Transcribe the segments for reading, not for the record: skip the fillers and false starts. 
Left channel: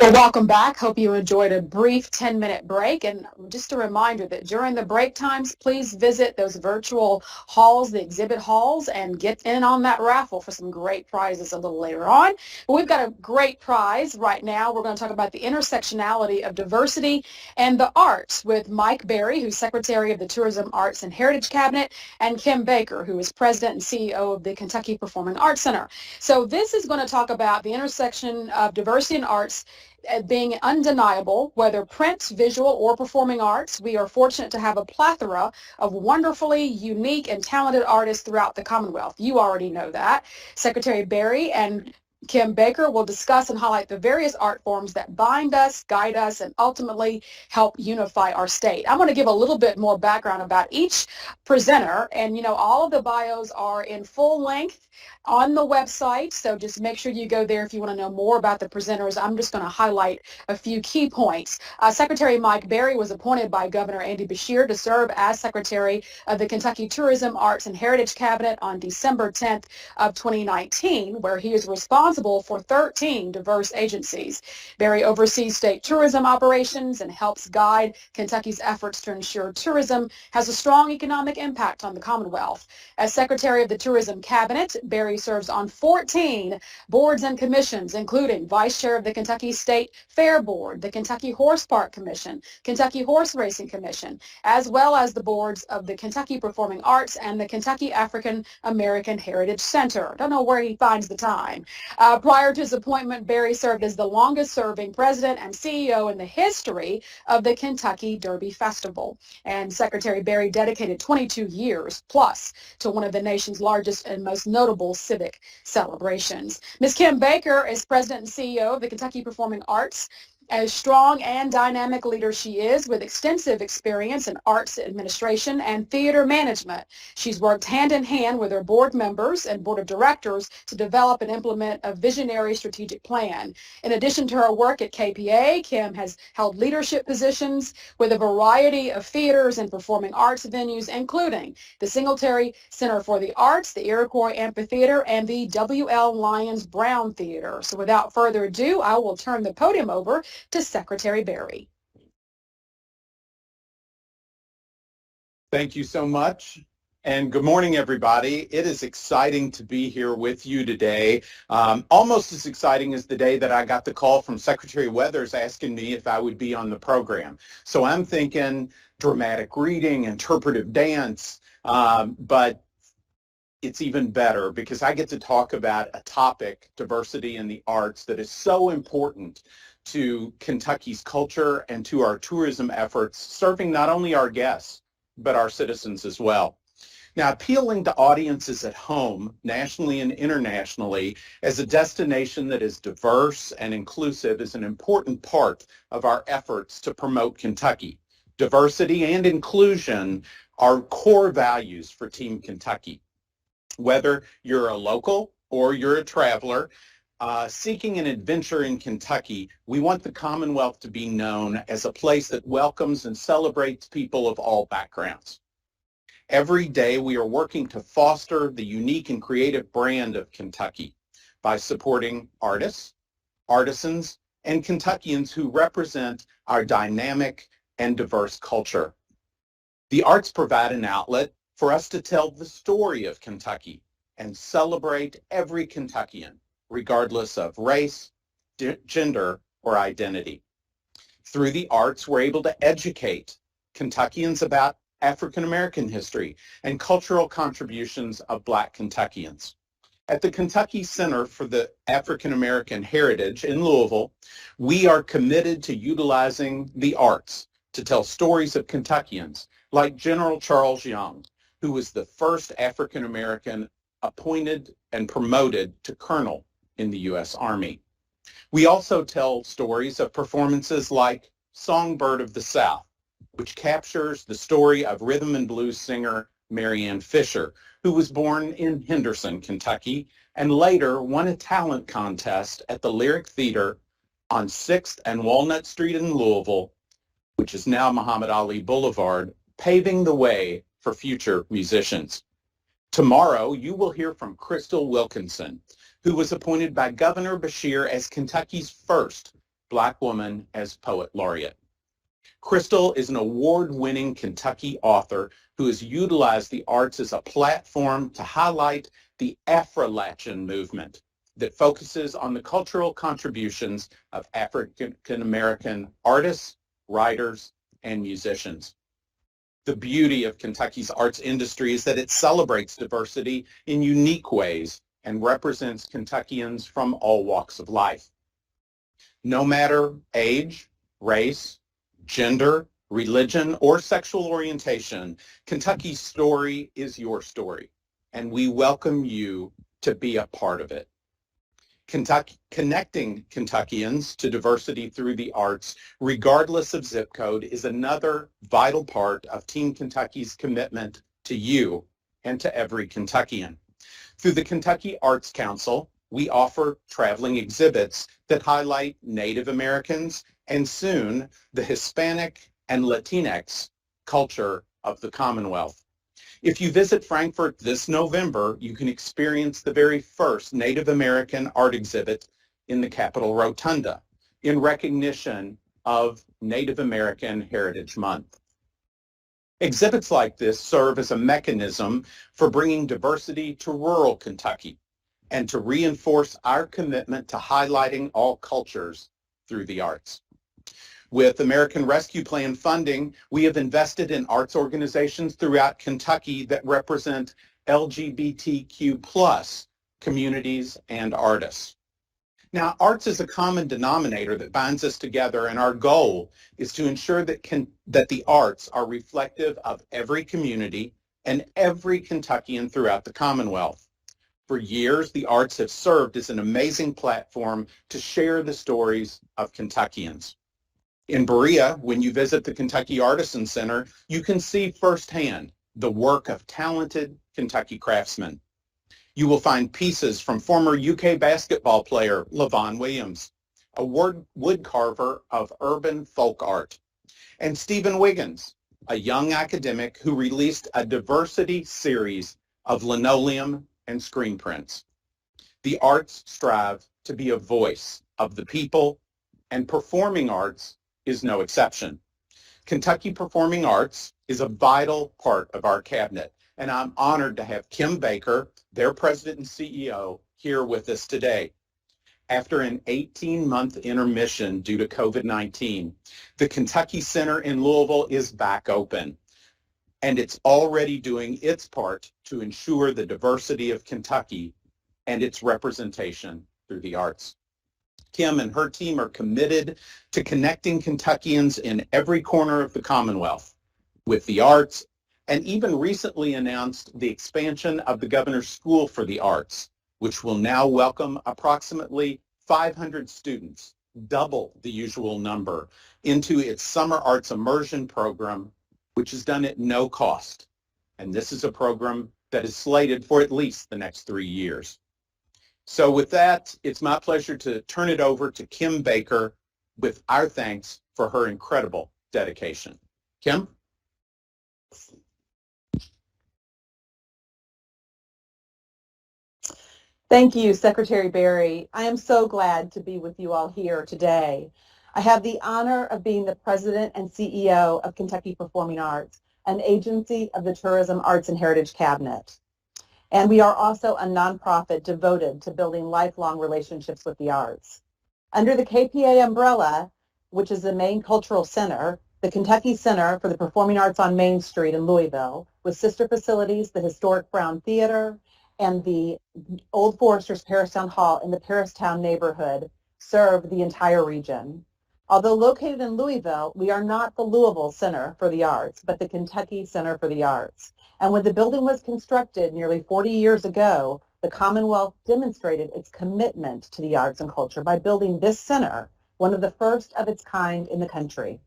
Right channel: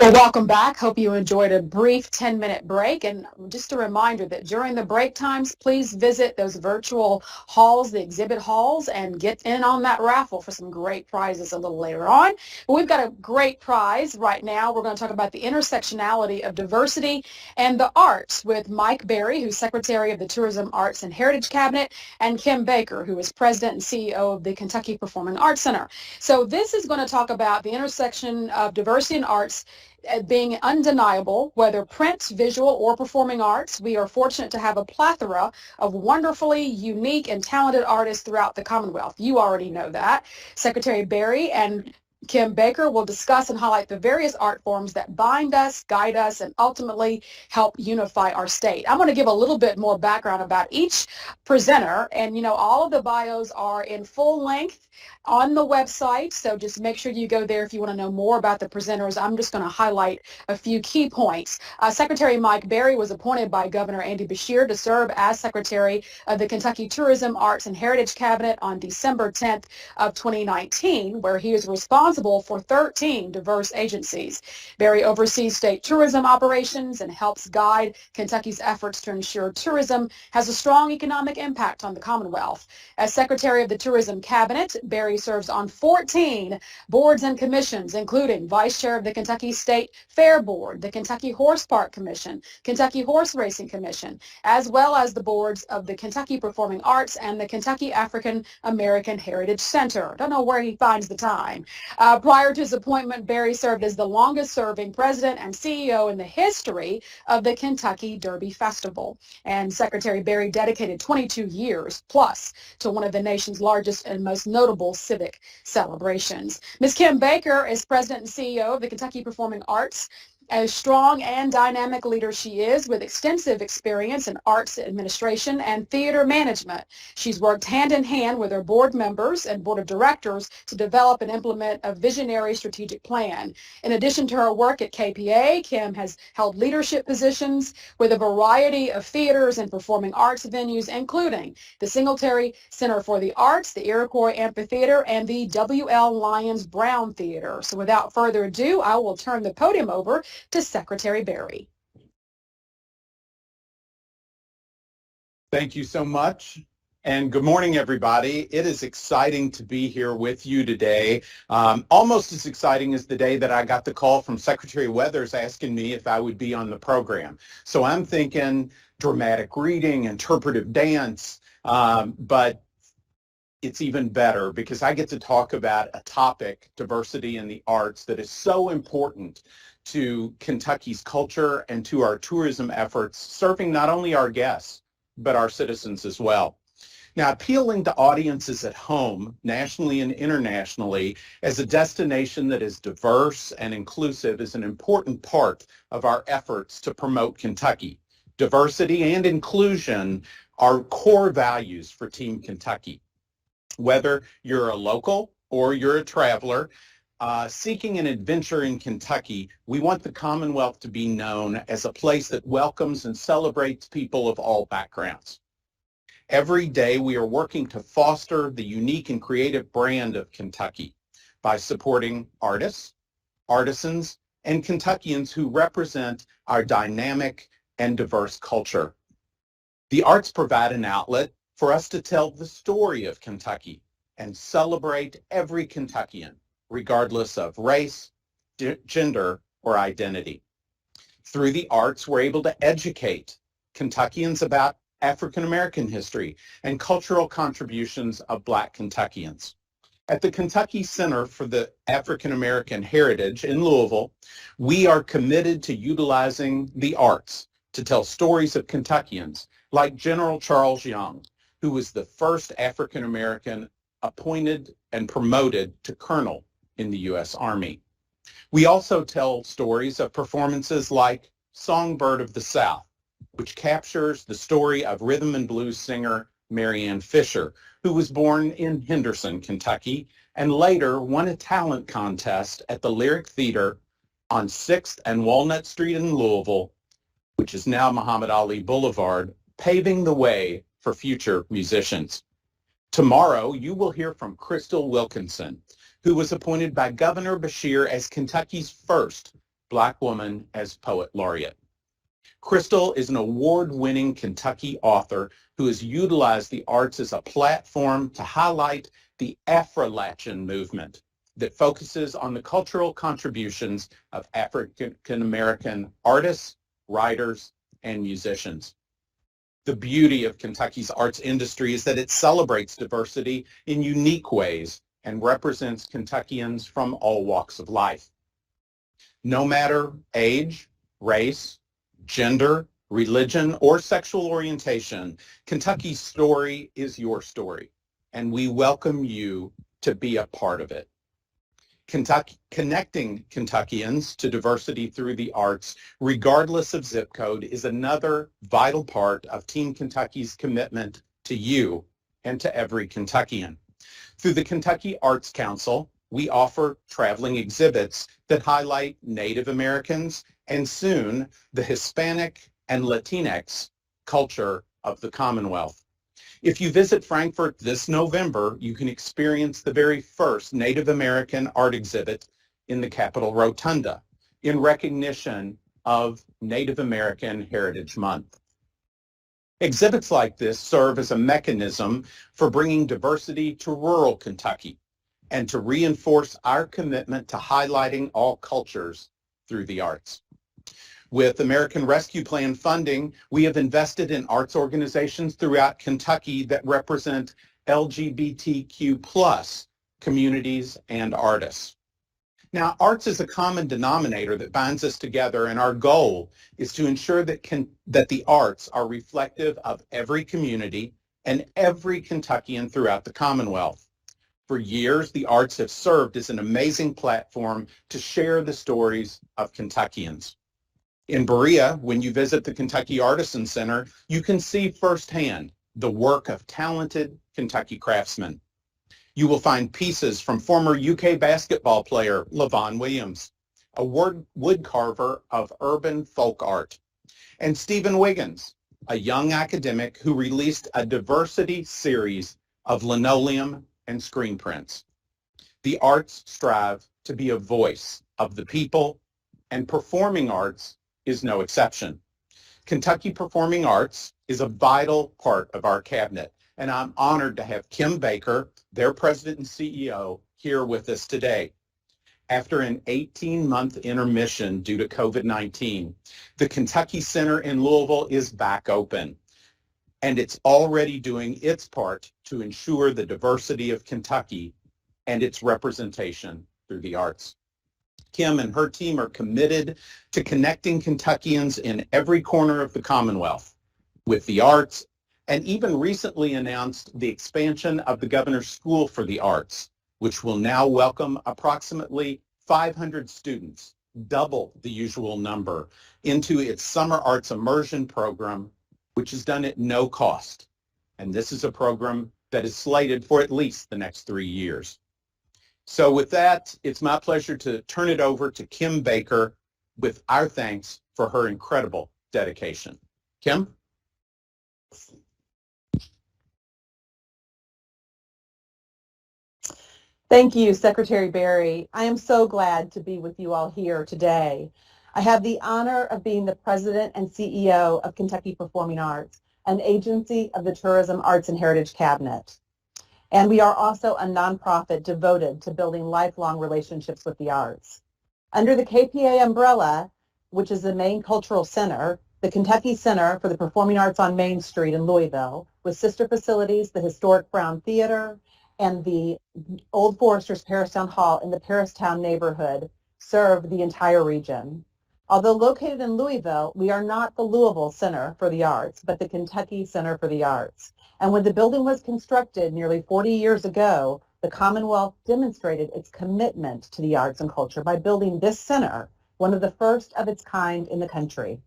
Well, welcome back. Hope you enjoyed a brief 10-minute break. And just a reminder that during the break times, please visit those virtual halls, the exhibit halls, and get in on that raffle for some great prizes a little later on. But we've got a great prize right now. We're going to talk about the intersectionality of diversity and the arts with Mike Berry, who's Secretary of the Tourism, Arts, and Heritage Cabinet, and Kim Baker, who is President and CEO of the Kentucky Performing Arts Center. So this is going to talk about the intersection of diversity and arts being undeniable, whether print, visual, or performing arts. We are fortunate to have a plethora of wonderfully unique and talented artists throughout the Commonwealth. You already know that. Secretary Berry and Kim Baker will discuss and highlight the various art forms that bind us, guide us, and ultimately help unify our state. I'm going to give a little bit more background about each presenter, and all of the bios are in full length on the website, so just make sure you go there if you want to know more about the presenters. I'm just going to highlight a few key points. Secretary Mike Berry was appointed by Governor Andy Beshear to serve as Secretary of the Kentucky Tourism, Arts, and Heritage Cabinet on December 10th of 2019, where he is responsible for 13 diverse agencies. Berry oversees state tourism operations and helps guide Kentucky's efforts to ensure tourism has a strong economic impact on the Commonwealth. As Secretary of the Tourism Cabinet, Berry serves on 14 boards and commissions, including Vice Chair of the Kentucky State Fair Board, the Kentucky Horse Park Commission, Kentucky Horse Racing Commission, as well as the boards of the Kentucky Performing Arts and the Kentucky African American Heritage Center. Don't know where he finds the time. Prior to his appointment, Berry served as the longest-serving president and CEO in the history of the Kentucky Derby Festival. And Secretary Berry dedicated 22 years plus to one of the nation's largest and most notable civic celebrations. Ms. Kim Baker is President and CEO of the Kentucky Performing Arts. As strong and dynamic leader she is, with extensive experience in arts administration and theater management. She's worked hand in hand with her board members and board of directors to develop and implement a visionary strategic plan. In addition to her work at KPA, Kim has held leadership positions with a variety of theaters and performing arts venues, including the Singletary Center for the Arts, the Iroquois Amphitheater, and the W.L. Lyons Brown Theater. So without further ado, I will turn the podium over to Secretary Berry. Thank you so much. And good morning, everybody. It is exciting to be here with you today. Almost as exciting as the day that I got the call from Secretary Weathers asking me if I would be on the program. So I'm thinking dramatic reading, interpretive dance, but it's even better because I get to talk about a topic, diversity in the arts, that is so important to Kentucky's culture and to our tourism efforts, serving not only our guests, but our citizens as well. Now, appealing to audiences at home, nationally and internationally, as a destination that is diverse and inclusive is an important part of our efforts to promote Kentucky. Diversity and inclusion are core values for Team Kentucky. Whether you're a local or you're a traveler, seeking an adventure in Kentucky, we want the Commonwealth to be known as a place that welcomes and celebrates people of all backgrounds. Every day we are working to foster the unique and creative brand of Kentucky by supporting artists, artisans, and Kentuckians who represent our dynamic and diverse culture. The arts provide an outlet for us to tell the story of Kentucky and celebrate every Kentuckian, regardless of race, gender, or identity. Through the arts, we're able to educate Kentuckians about African American history and cultural contributions of Black Kentuckians. At the Kentucky Center for the African American Heritage in Louisville, we are committed to utilizing the arts to tell stories of Kentuckians like General Charles Young, who was the first African American appointed and promoted to colonel in the U.S. Army. We also tell stories of performances like Songbird of the South, which captures the story of rhythm and blues singer Marianne Fisher, who was born in Henderson, Kentucky, and later won a talent contest at the Lyric Theater on 6th and Walnut Street in Louisville, which is now Muhammad Ali Boulevard, paving the way for future musicians. Tomorrow, you will hear from Crystal Wilkinson, who was appointed by Governor Beshear as Kentucky's first Black woman as poet laureate. Crystal is an award-winning Kentucky author who has utilized the arts as a platform to highlight the Appalatin movement that focuses on the cultural contributions of African-American artists, writers, and musicians. The beauty of Kentucky's arts industry is that it celebrates diversity in unique ways and represents Kentuckians from all walks of life. No matter age, race, gender, religion, or sexual orientation, Kentucky's story is your story, and we welcome you to be a part of it. Connecting Kentuckians to diversity through the arts, regardless of zip code, is another vital part of Team Kentucky's commitment to you and to every Kentuckian. Through the Kentucky Arts Council, we offer traveling exhibits that highlight Native Americans and soon the Hispanic and Latinx culture of the Commonwealth. If you visit Frankfort this November, you can experience the very first Native American art exhibit in the Capitol Rotunda in recognition of Native American Heritage Month. Exhibits like this serve as a mechanism for bringing diversity to rural Kentucky and to reinforce our commitment to highlighting all cultures through the arts. With American Rescue Plan funding, we have invested in arts organizations throughout Kentucky that represent LGBTQ+ communities and artists. Now, arts is a common denominator that binds us together, and our goal is to ensure that the arts are reflective of every community and every Kentuckian throughout the Commonwealth. For years, the arts have served as an amazing platform to share the stories of Kentuckians. In Berea, when you visit the Kentucky Artisan Center, you can see firsthand the work of talented Kentucky craftsmen. You will find pieces from former UK basketball player LaVon Williams, a wood carver of urban folk art, and Stephen Wiggins, a young academic who released a diversity series of linoleum and screen prints. The arts strive to be a voice of the people, and performing arts is no exception. Kentucky Performing Arts is a vital part of our cabinet, and I'm honored to have Kim Baker, their president and CEO, here with us today. After an 18-month intermission due to COVID-19, the Kentucky Center in Louisville is back open, and it's already doing its part to ensure the diversity of Kentucky and its representation through the arts. Kim and her team are committed to connecting Kentuckians in every corner of the Commonwealth with the arts, and even recently announced the expansion of the Governor's School for the Arts, which will now welcome approximately 500 students, double the usual number, into its Summer Arts Immersion program, which is done at no cost. And this is a program that is slated for at least the next 3 years. So with that, it's my pleasure to turn it over to Kim Baker with our thanks for her incredible dedication. Kim? Thank you, Secretary Berry. I am so glad to be with you all here today. I have the honor of being the President and CEO of Kentucky Performing Arts, an agency of the Tourism, Arts, and Heritage Cabinet. And we are also a nonprofit devoted to building lifelong relationships with the arts. Under the KPA umbrella, which is the main cultural center, the Kentucky Center for the Performing Arts on Main Street in Louisville, with sister facilities, the historic Brown Theater, and the Old Foresters Paristown Hall in the Paristown neighborhood, serve the entire region. Although located in Louisville, we are not the Louisville Center for the Arts, but the Kentucky Center for the Arts. And when the building was constructed nearly 40 years ago, the Commonwealth demonstrated its commitment to the arts and culture by building this center, one of the first of its kind in the country.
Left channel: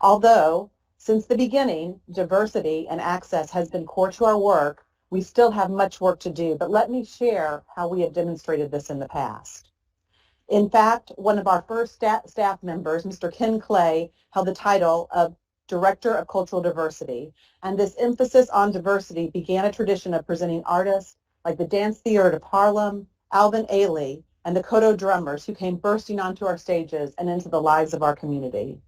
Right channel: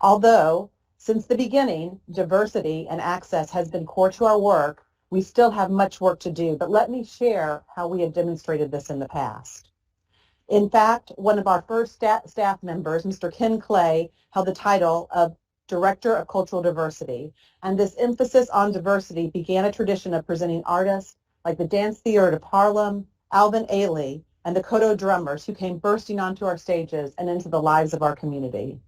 Although, since the beginning, diversity and access has been core to our work, we still have much work to do, but let me share how we have demonstrated this in the past. In fact, one of our first staff members, Mr. Ken Clay, held the title of Director of Cultural Diversity, and this emphasis on diversity began a tradition of presenting artists like the Dance Theater of Harlem, Alvin Ailey, and the koto drummers who came bursting onto our stages and into the lives of our community.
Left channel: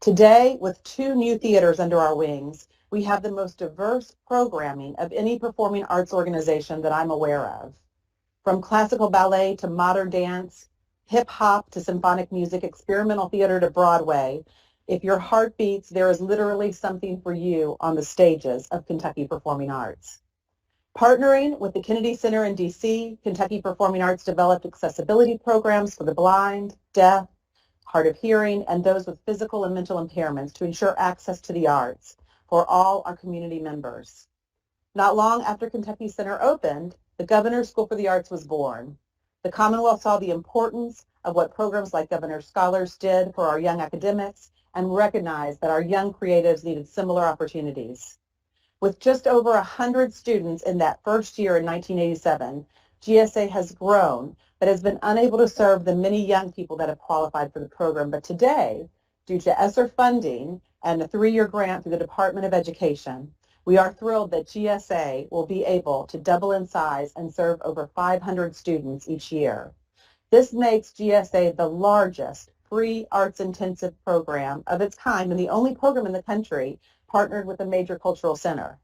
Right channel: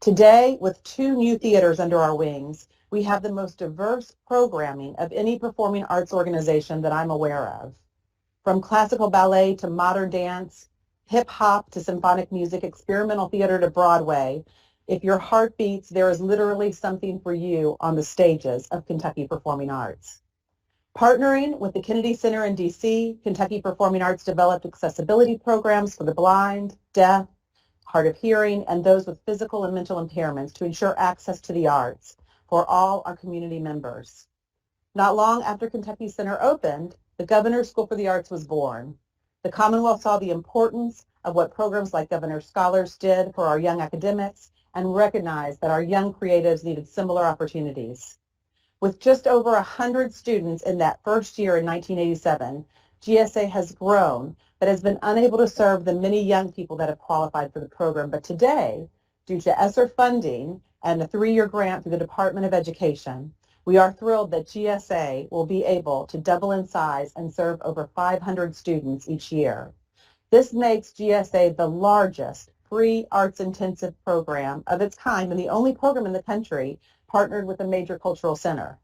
Today, with 2 new theaters under our wings, we have the most diverse programming of any performing arts organization that I'm aware of. From classical ballet to modern dance, hip-hop to symphonic music, experimental theater to Broadway, if your heart beats, there is literally something for you on the stages of Kentucky Performing Arts. Partnering with the Kennedy Center in D.C., Kentucky Performing Arts developed accessibility programs for the blind, deaf, hard of hearing, and those with physical and mental impairments to ensure access to the arts for all our community members. Not long after Kentucky Center opened, the Governor's School for the Arts was born. The Commonwealth saw the importance of what programs like Governor's Scholars did for our young academics and recognized that our young creatives needed similar opportunities. With just over 100 students in that first year in 1987, GSA has grown but has been unable to serve the many young people that have qualified for the program. But today, due to ESSER funding and a 3-year grant through the Department of Education, we are thrilled that GSA will be able to double in size and serve over 500 students each year. This makes GSA the largest free arts-intensive program of its kind and the only program in the country partnered with a major cultural center.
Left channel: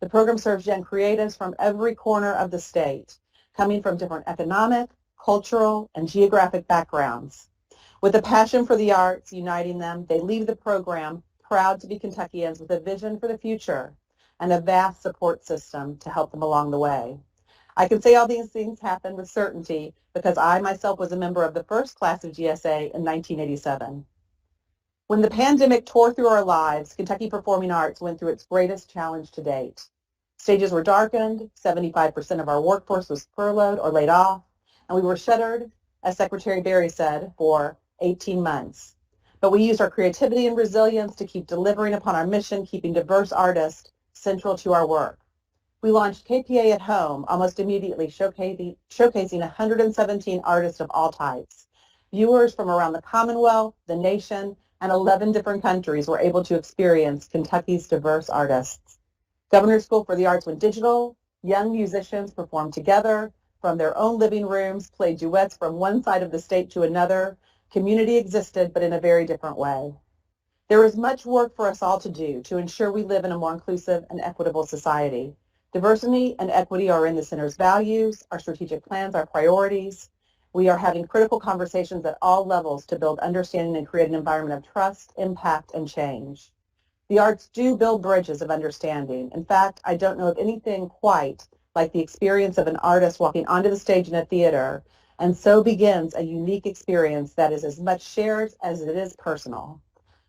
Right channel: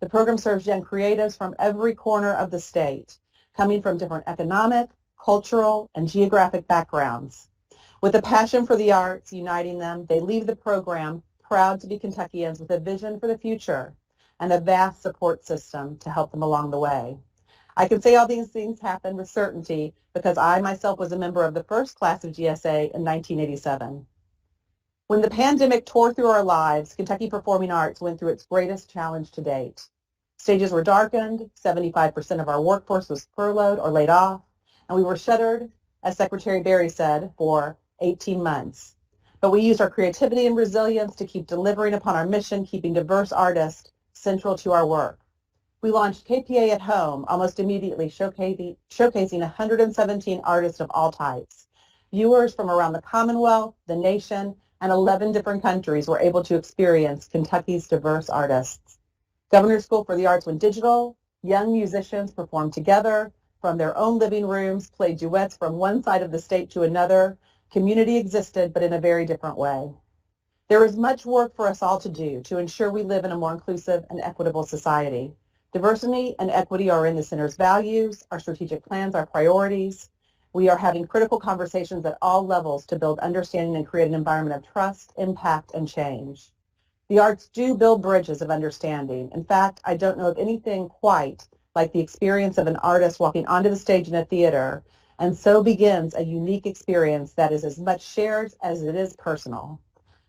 The program serves young creatives from every corner of the state, coming from different economic, cultural, and geographic backgrounds. With a passion for the arts uniting them, they leave the program proud to be Kentuckians with a vision for the future and a vast support system to help them along the way. I can say all these things happened with certainty because I myself was a member of the first class of GSA in 1987. When the pandemic tore through our lives, Kentucky Performing Arts went through its greatest challenge to date. Stages were darkened, 75% of our workforce was furloughed or laid off, and we were shuttered, as Secretary Berry said, for 18 months. But we used our creativity and resilience to keep delivering upon our mission, keeping diverse artists central to our work. We launched KPA at Home almost immediately, showcasing 117 artists of all types. Viewers from around the Commonwealth, the nation, and 11 different countries were able to experience Kentucky's diverse artists. Governor's School for the Arts went digital. Young musicians performed together from their own living rooms, played duets from one side of the state to another. Community existed, but in a very different way. There is much work for us all to do to ensure we live in a more inclusive and equitable society. Diversity and equity are in the center's values, our strategic plans, our priorities. We are having critical conversations at all levels to build understanding and create an environment of trust, impact, and change. The arts do build bridges of understanding. In fact, I don't know of anything quite like the experience of an artist walking onto the stage in a theater, and so begins a unique experience that is as much shared as it is personal.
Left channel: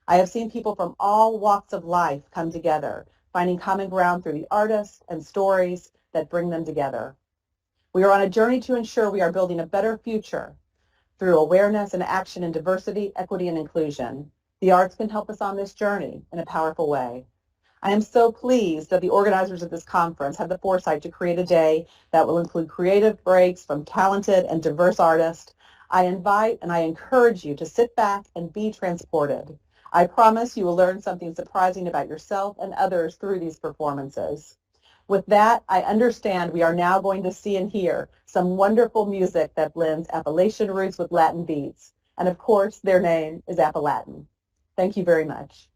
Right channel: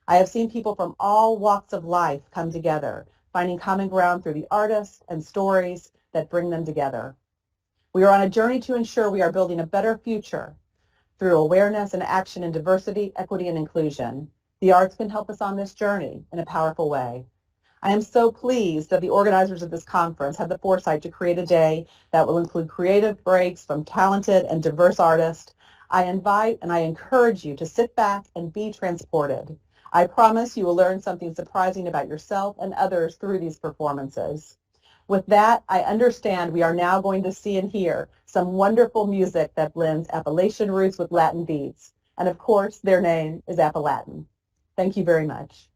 I have seen people from all walks of life come together, finding common ground through the artists and stories that bring them together. We are on a journey to ensure we are building a better future through awareness and action in diversity, equity, and inclusion. The arts can help us on this journey in a powerful way. I am so pleased that the organizers of this conference had the foresight to create a day that will include creative breaks from talented and diverse artists. I invite and I encourage you to sit back and be transported. I promise you will learn something surprising about yourself and others through these performances. With that, I understand we are now going to see and hear some wonderful music that blends Appalachian roots with Latin beats. And of course, their name is Appalatin. Thank you very much.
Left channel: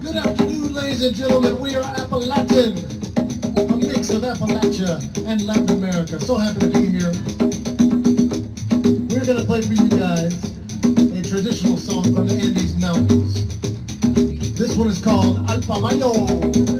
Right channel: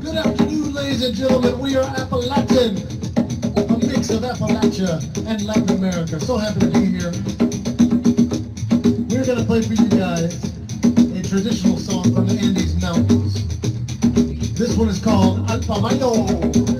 Good afternoon, ladies and gentlemen. We are Appalatin, a mix of Appalachia and Latin America. So happy to be here. We're going to play for you guys a traditional song from the Andes Mountains. This one is called Alpamayo.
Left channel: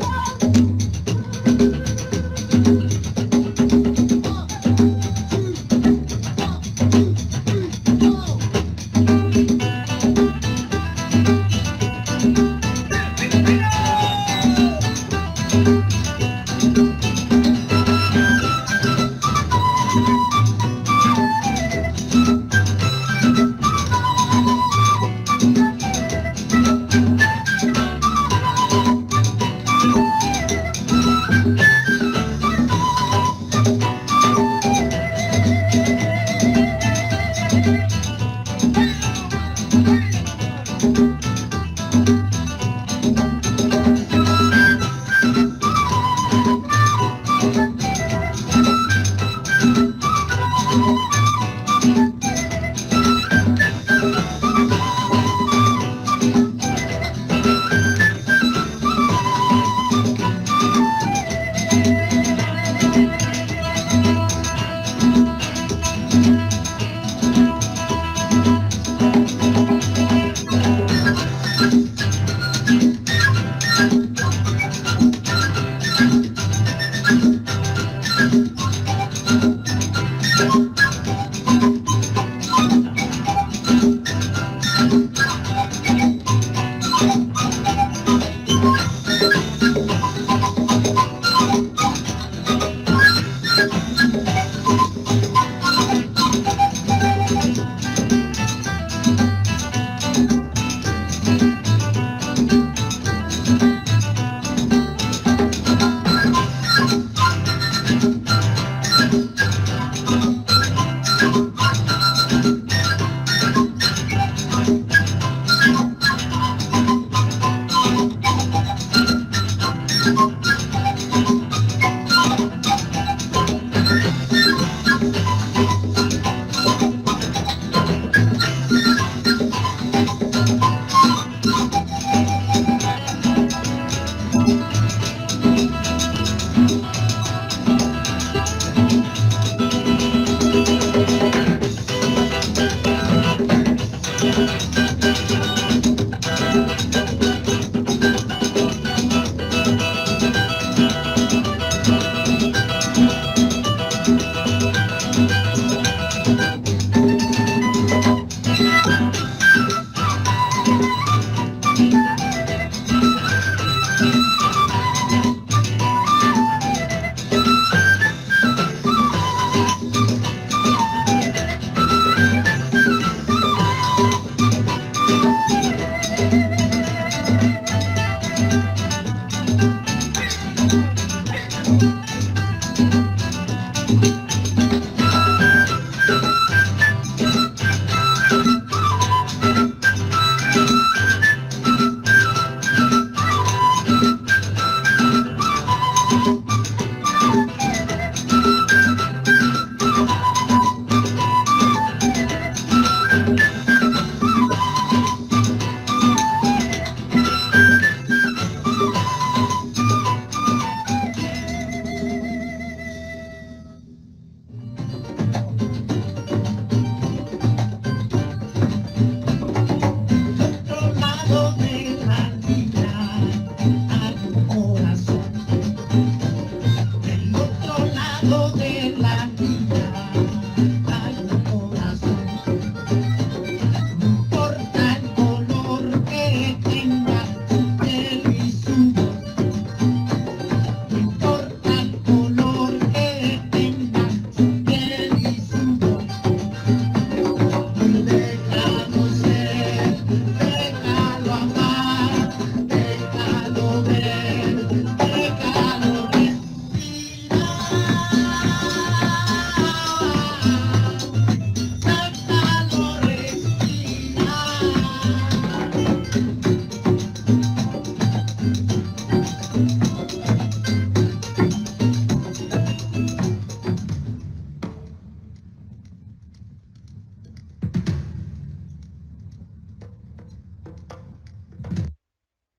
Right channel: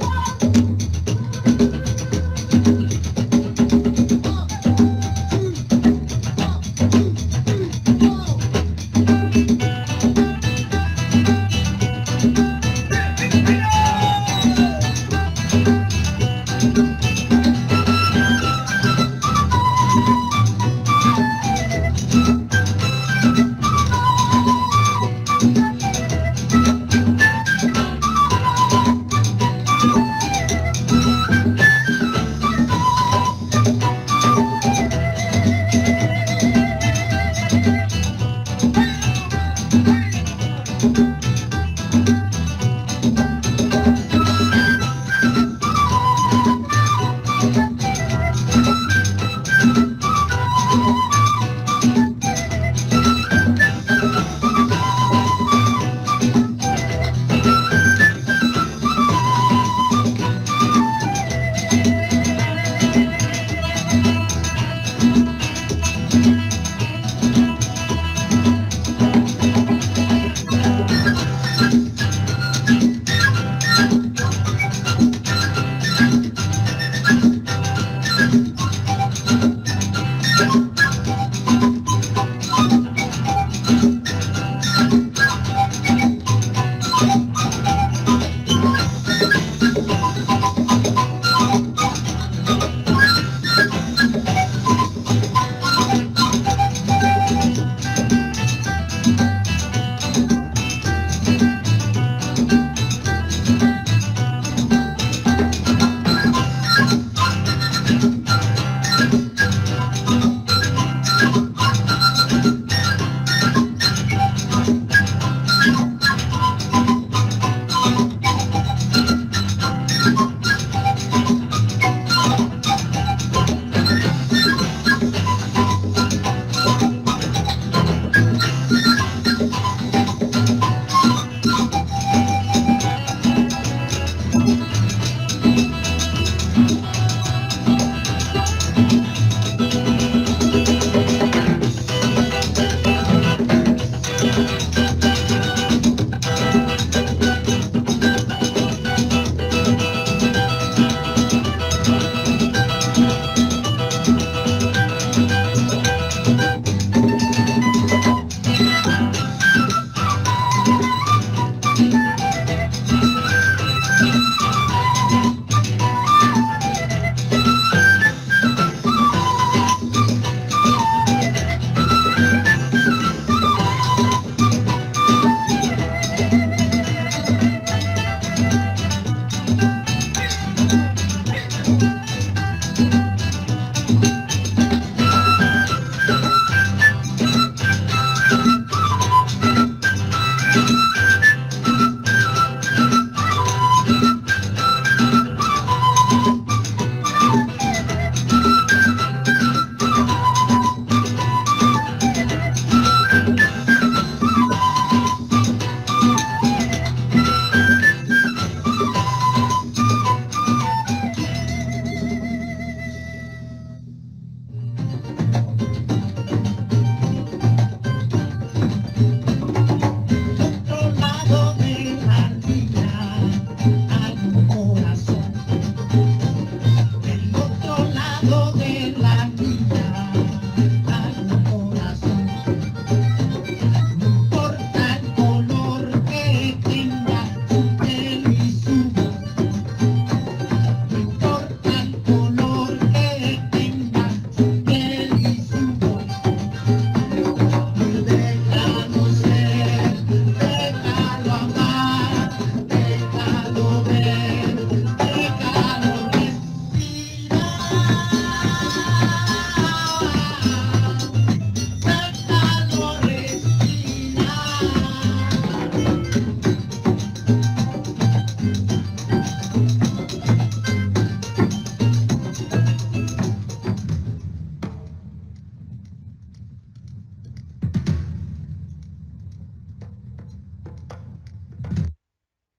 Del otro lado de la vida.